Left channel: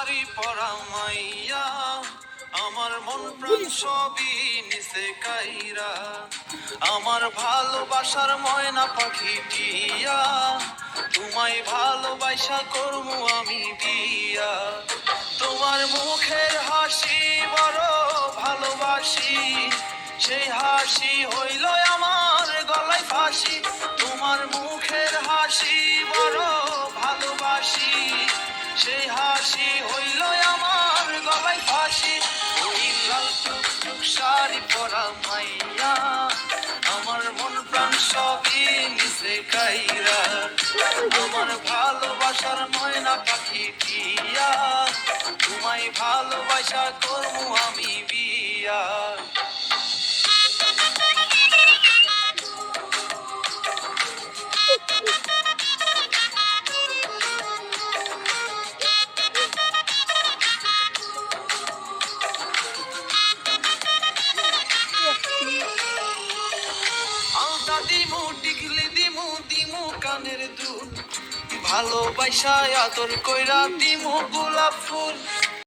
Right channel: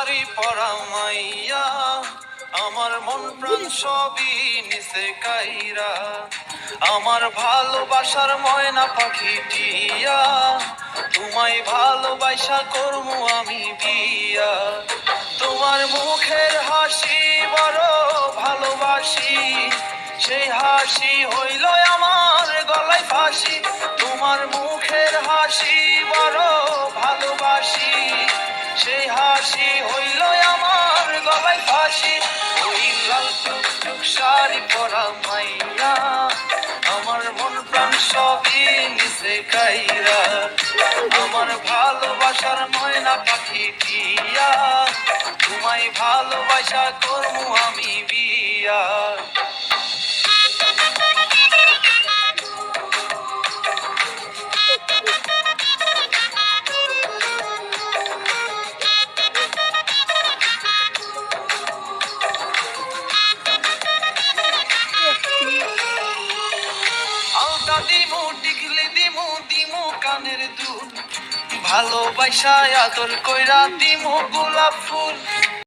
শাড়ি পরা মাইয়া, আমার মন প্রাণ সবই নিচে কাইরা, আমার ভালোবাসার ময়না পাখি টিয়া, তোমায় ভালোবাসা করবো আমি বিয়া। তোমার মুখের হাসি বড় ভালোবাসি, সেই হাসি হইল আমার গলায় ফাঁসি। তোমার মুখের হাসি বড় ভালোবাসি, সেই হাসি হইল আমার গলায় ফাঁসি। ওই লাল টুকটুক শাড়ি পরা মাইয়া, আমার মন প্রাণ সবই নিচে কাইরা, আমার ভালোবাসার ময়না পাখি টিয়া, তোমায় ভালোবাসা করবো আমি বিয়া। আলতা দিমু টিকলি দিমু দিমু কানের দুল, ভালোবাসা আদর কইরা দিমু গোলাপ ফুল।